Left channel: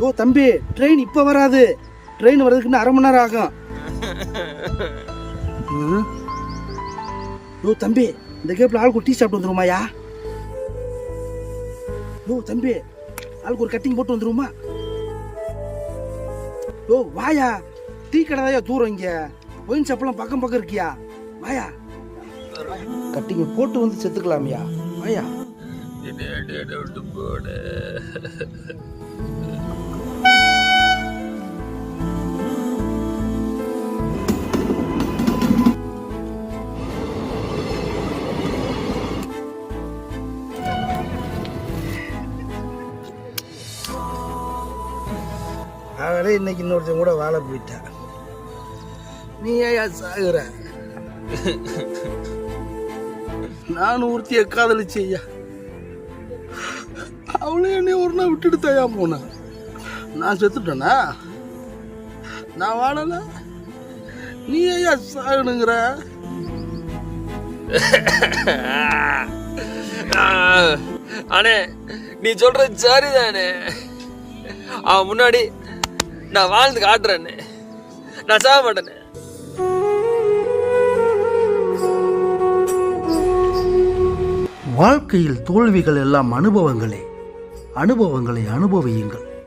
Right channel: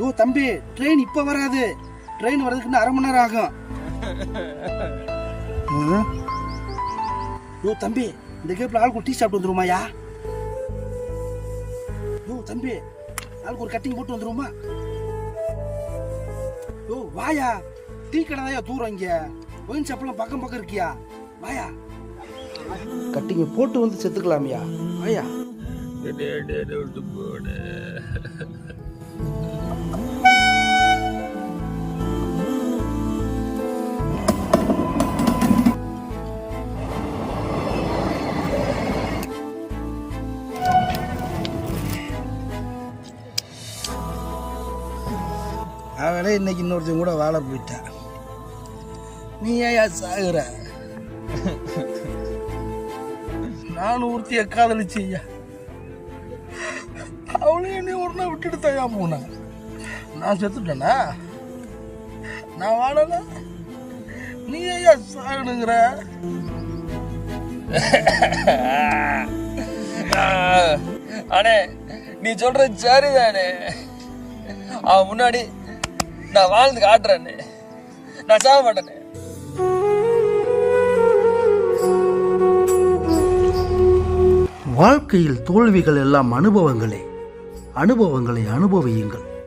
யோ தம்பி, ட்ரெயின் இப்ப வராது. ட்ரெயின் வர்றதுக்கு 1/2 மணி நேரம் ஆகும். யோ தம்பி, இந்த கேப்ல ஆளுக்கு டீ சாப்பிட்டு வந்துருமாயா? யோ தம்பி, ஆளுக்கு ஒரு கட்டிங் போட்டு வந்துருமா? யோ வாயா, டீ கடை தான் தூரம். இங்க ஒயின் ஷாப்லாம் பக்கம் பக்கம் இருக்கியா? வாயா, கட்டிங்க போட்டு வந்து செத்துக்கலாமியா? வாயா. அவனே இன்னைக்கு இன்னொருத்தன் கூட வாழ போயிட்டா. நீ ஏன் சாகுற? நான் ஒருத்திய காதலிச்சையா, அவளே என்னை ஒரு நாள் விட்டுட்டு தயா போன. நான் செத்துட்டேனா? நான் வாழல, நீ ஏன் சாகணுங்கிற? அண்ணே, நீ சொல்றது சரிதானே. அவன் முன்னாடி நான் வாழ்ந்து காட்டுறேன்னு, நான் சாக மாட்டேனே. வாழ்க்கையில் தோல்விகள் எல்லாம் அனுபவங்களே. அனுபவங்களை அனுபவியுங்கள்.